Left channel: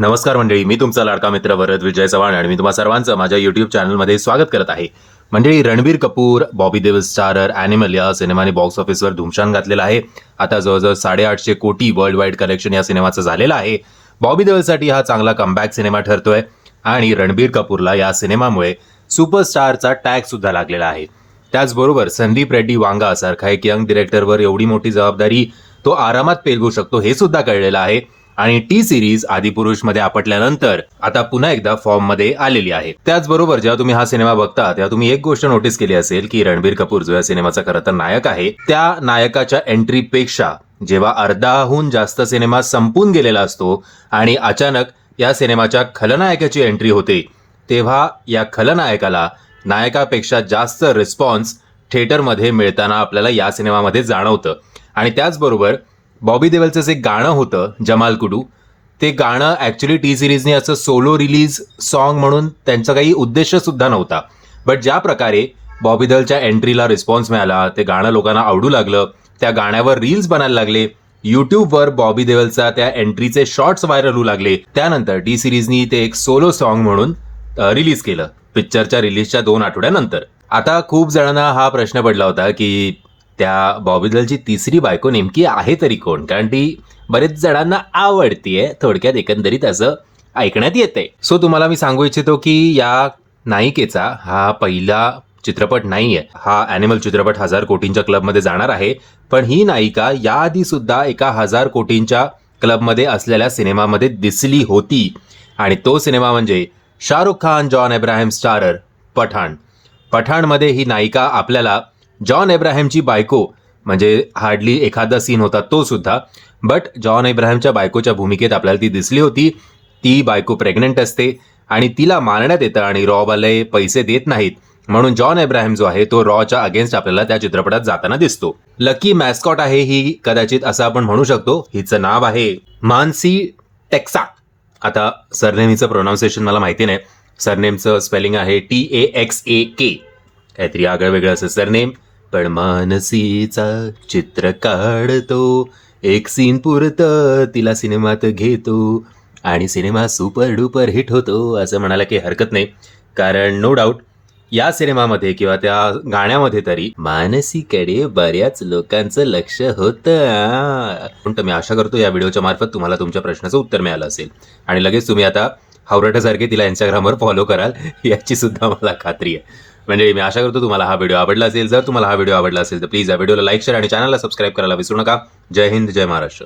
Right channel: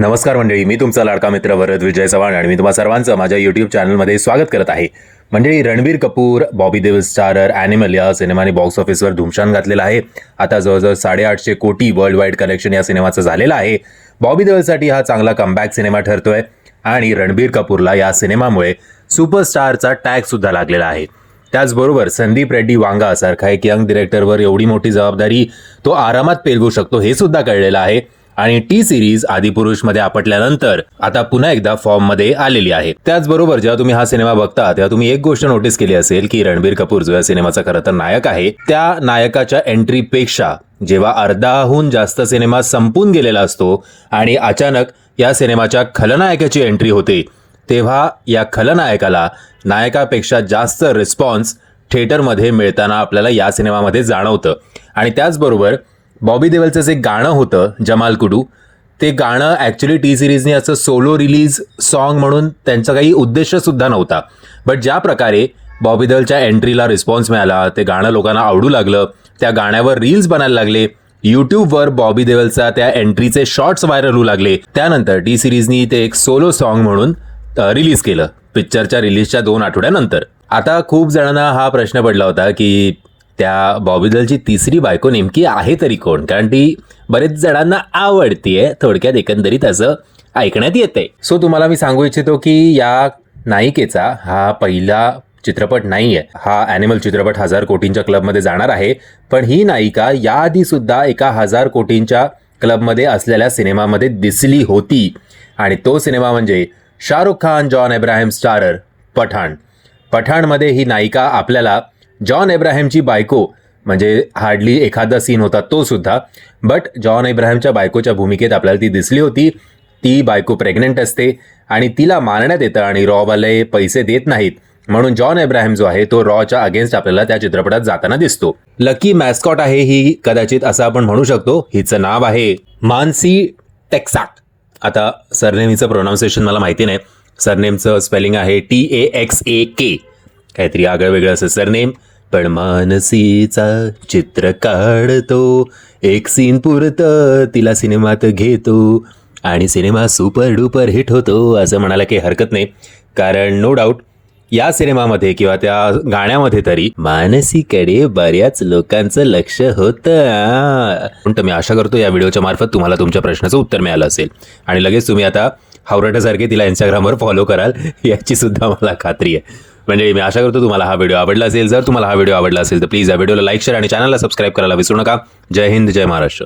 नमस्कार मंडळी मी तुमचा लाडका मित्र भरत विजय चव्हाण आणि मी तुम्हा सर्वांचं माझ्या युट्यूब चॅनलमध्ये स्वागत करत आहे. मंडळी रणबीर कपूर बॉबी देव स्टारर अॅनिमल या सिनेमाने बॉक्स ऑफिसवर धुमशान घातलेला आहे. आता जवळजवळ साडेआठशे कोटी वर्ल्ड वाईड कलेक्शन या सिनेमाचं झालेलं आहे. बॉबी देवलसाठी हा चांगला कमबॅक सिनेमा ठरतोय आणि रणबीर कपूरला या सिनेमामुळे सुपरस्टारचा टॅग सुद्धा लागलेला आहे. त्याचबरोबर संदीप रेड्डी वांगा सारखा एक यंग डिरेक्टरवर एवढी मोठी जबाबदारी तो आरामात पेलवू शकतो हे सुद्धा कळलेलं आहे. आणि टी सिरीज आदिपुरुषमध्ये आपटल्यानंतर आता पुन्हा एकदा फॉर्ममध्ये आलेली आहे. त्याचबरोबर जेव्हा तुम्ही हा सिनेमा बघता तेव्हा तुम्ही एक गोष्ट नोटीस केली असेल की रणबीर कपूर जो या सिनेमाचा खरं तर नायक आहे त्या नायकाच्या एंट्रीपेक्षा जेव्हा अर्धाहून जास्त सिनेमा संपून गेलेला असतो आणि अचानक या सिनेमाच्या खलनायकाची एंट्री होते तेव्हा या खलनायकाला नायकापेक्षा जास्त रिस्पॉन्स थिएटरमध्ये मिळताना आपल्याला या सिनेमामध्ये जाणवतं. आणि त्याचबरोबर बॉबी देवलचं जे गाणं होतं जमाल कुडू ते गाणं ॲक्च्युली टी सिरीजने असं सोलो रिलीज सॉन्ग म्हणून त्यांचा काही उद्देशसुद्धा नव्हता. बट ज्या प्रकारे बॉबी देवलच्या एंट्रीला रिस्पॉन्स मिळाला ते गाणं लोकांना आवडू लागलं त्या गाण्यावर रील्स बनायला लागले युट्यूबवर बॉबी देवलचा त्या एंट्रीचे शॉर्ट्स व्हायरल होऊ लागले. त्यानंतर टी सिरीजनी ते एक सोलो सॉन्ग म्हणून रिलीज केलं पिक्चरच्या रिलीजच्या दोन आठवड्यानंतर. आता खूप जणांना हा प्रश्न पडला होता की त्या बॉबीदलची तिसरी बायको नेमकी आहे तरी कोण? कारण ती बरेच जणांना आवडतीये. थोडक्यात एकंदरीत असं ऐकण्यात येते सो तुम्हाला मी सांगू इच्छितो की या नायिकेचा हा पहिला चित्रपट नाहीये. हा अॅनिमल चित्रपट हजार कोटींच्या क्लबमध्ये जाणार आहे. पण ही नायिका याआधी सुद्धा एका हजार कोटींच्या क्लबमध्ये असलेल्या सिनेमामध्ये दिसली होती. आणि तो सिनेमा म्हणजे Shahrukh Khan John Abraham starrer Pathaan. पठाणमध्ये ही नायिका आपल्याला जॉन एब्राहिमची बायको म्हणजे हार्डली एखादा सीन होता तो सुद्धा बट जॉन एब्राहिमच्या बायकोच्या भूमिकेत आपल्याला ती दिसली होती. ती बायको प्रेग्नंट असते आणि तिला मारण्यात येतं आणि रॉवाले पैसे देत नाहीत. म्हणून जॉन एब्राहिम जो आहे तो रॉच्या अगेन्स्ट आपल्याला त्या चित्रपटात जाताना दिसतो. लकी मॅस्कॉट आहे ही कदाचित असं आपण म्हणू शकतो. हिचं नाव आहे मानसी टेक्साट. आता सरनेमीचं प्रोनाऊन्सिएशन मला माहिती नाही. सरनेमचं स्पेलिंग आहे T A X A K काहीतरी आगळं वेगळं असं सरनेम. पण मानसीचा चित्र काढतो. एक सीन पुरतं तिला सिनेमात घेतो. आणि सिनेमा सुपर डुपर हिट होतो असं म्हणायला काही हरकत नाही. कारण नो डाऊट या सिनेमामध्ये किंवा त्या गाण्यामध्ये तरी मानसीकडे बऱ्याच लोकांचं लक्ष होतं. पण मी आशा करतो या व्हिडिओच्या मार्फत तुम्हाला तुमच्या प्रश्नाचं उत्तर मिळालं असेल. आणि लगेच तुम्ही आता हावरटासारखे तिला इंस्टाग्रामवर फॉलो कराल याची सुद्धा मला खात्री आहे. म्हणजे मी आशा करतो तुम्हाला हा व्हिडिओ आवडला असेल. जर तुम्हाला हा व्हिडिओ आवडला असेल तर प्लीज या व्हिडिओला लाईक शेअर आणि चॅनलला सबस्क्राईब करायला विसरू नका. जय हिंद जय महाराष्ट्र.